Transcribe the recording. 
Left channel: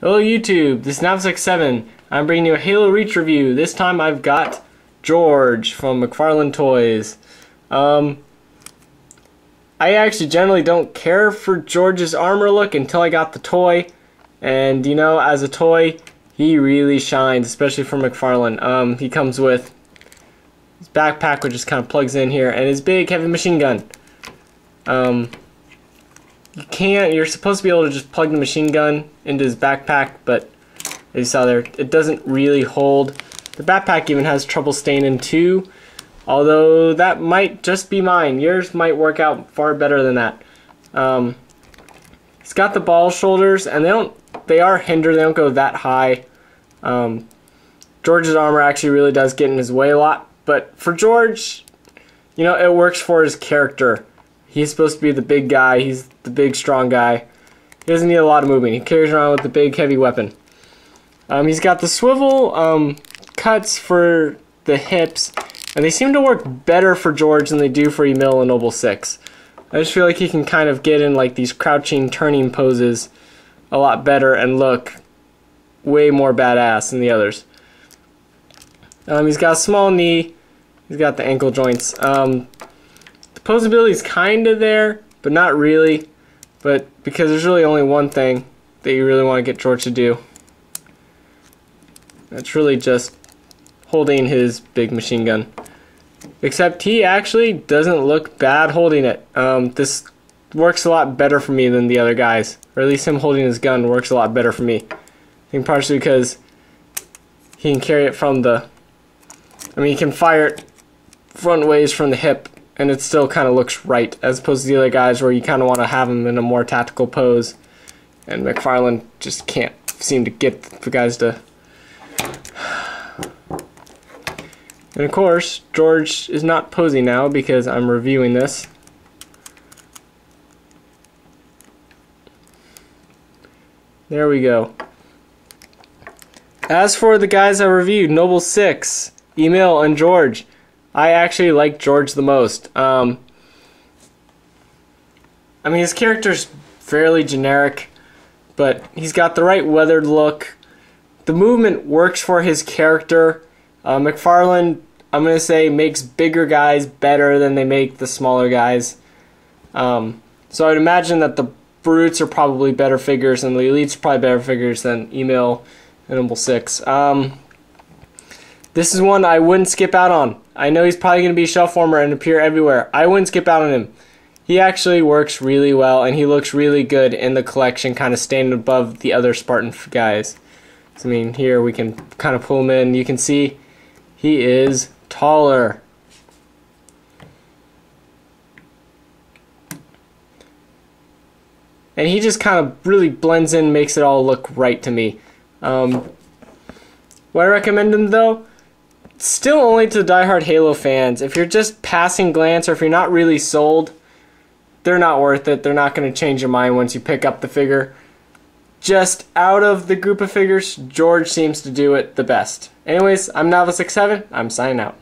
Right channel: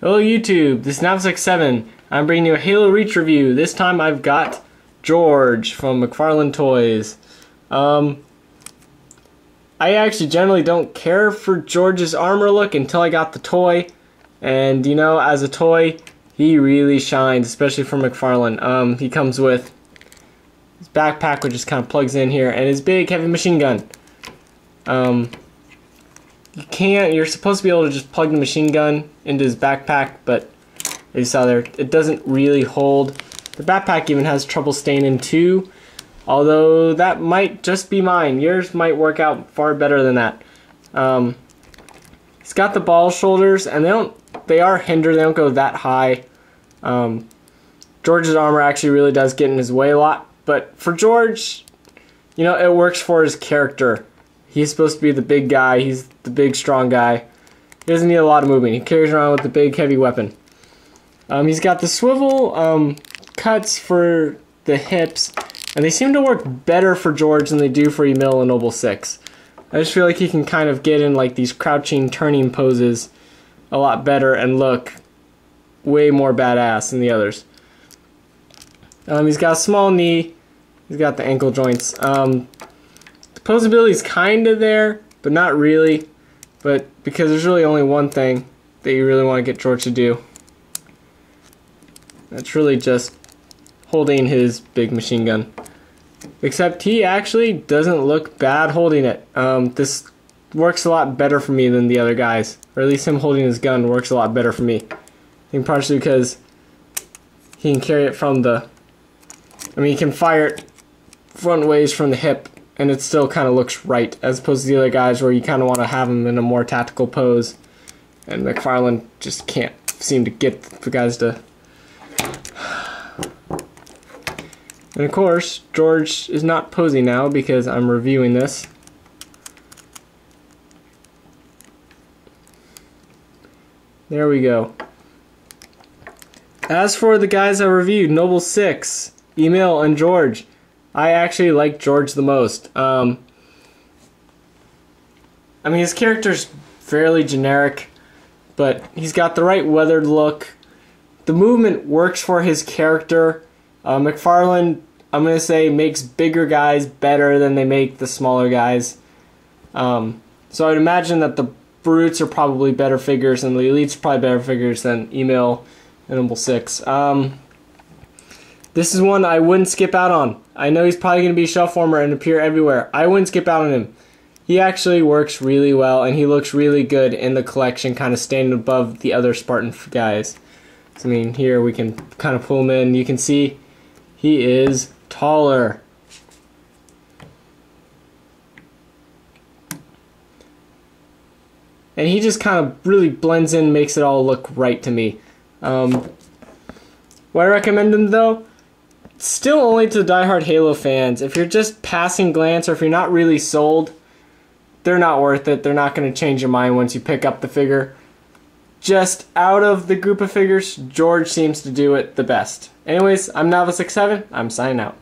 Hello YouTube, this is Navsec7. I'm bringing you a Halo Reach review. This time I've got George from McFarlane Toys. I actually generally don't care for George's armor look until I got the toy. And you know, as a toy, he really shines, especially for McFarlane. He comes with his backpack, which just kind of plugs in here, and his big heavy machine gun. You're supposed to be able to just plug the machine gun into his backpack, but as you saw there, it doesn't really hold. The backpack even has trouble staying in too, although that might just be mine. Yours might work out far better than that. It's got the ball shoulders, and they are hindered, they don't go that high. George's armor actually really does get in his way a lot, but for George, you know, it works for his character. He's supposed to be the big guy, he's the big strong guy. He doesn't need a lot of movement. He carries around with the big heavy weapon. He's got the swivel cuts for the hips, and they seem to work better for George than they do for Emil and Noble 6. I just feel like he can kind of get in like these crouching, turning poses a lot better and look way more badass than the others. He's got a small knee, he's got the ankle joints. The posability is kind of there, but not really. But because there's really only one thing that you really want to get George to do. That's really just holding his big machine gun. Except he actually doesn't look bad holding it. This works a lot better for me than the other guys. Or at least him holding his gun works a lot better for me. I think partially because he can carry it from the... he can fire it front ways from the hip, and it still kind of looks right, as opposed to the other guys where you kind of want to have them in a more tactical pose. And McFarlane just can't seem to get the guys to... And of course, George is not posing now because I'm reviewing this. There we go. As for the guys I reviewed, Noble 6, Emil, and George, I actually like George the most. His character's fairly generic, but he's got the right weathered look. The movement works for his character. McFarlane, I'm going to say, makes bigger guys better than they make the smaller guys. So I'd imagine that the Brutes are probably better figures, and the Elites are probably better figures than Emil and Noble 6. This is one I wouldn't skip out on. I know he's probably going to be shelf warmer and appear everywhere. I wouldn't skip out on him. He actually works really well, and he looks really good in the collection, kind of standing above the other Spartan guys. So, here we can kind of pull him in. You can see he is taller. And he just kind of really blends in, makes it all look right to me. Would I recommend him though? Still only to the diehard Halo fans. If you're just passing glance, or if you're not really sold, they're not worth it. They're not going to change your mind once you pick up the figure. Just out of the group of figures, George seems to do it the best. Anyways, I'm Navsec7. I'm signing out.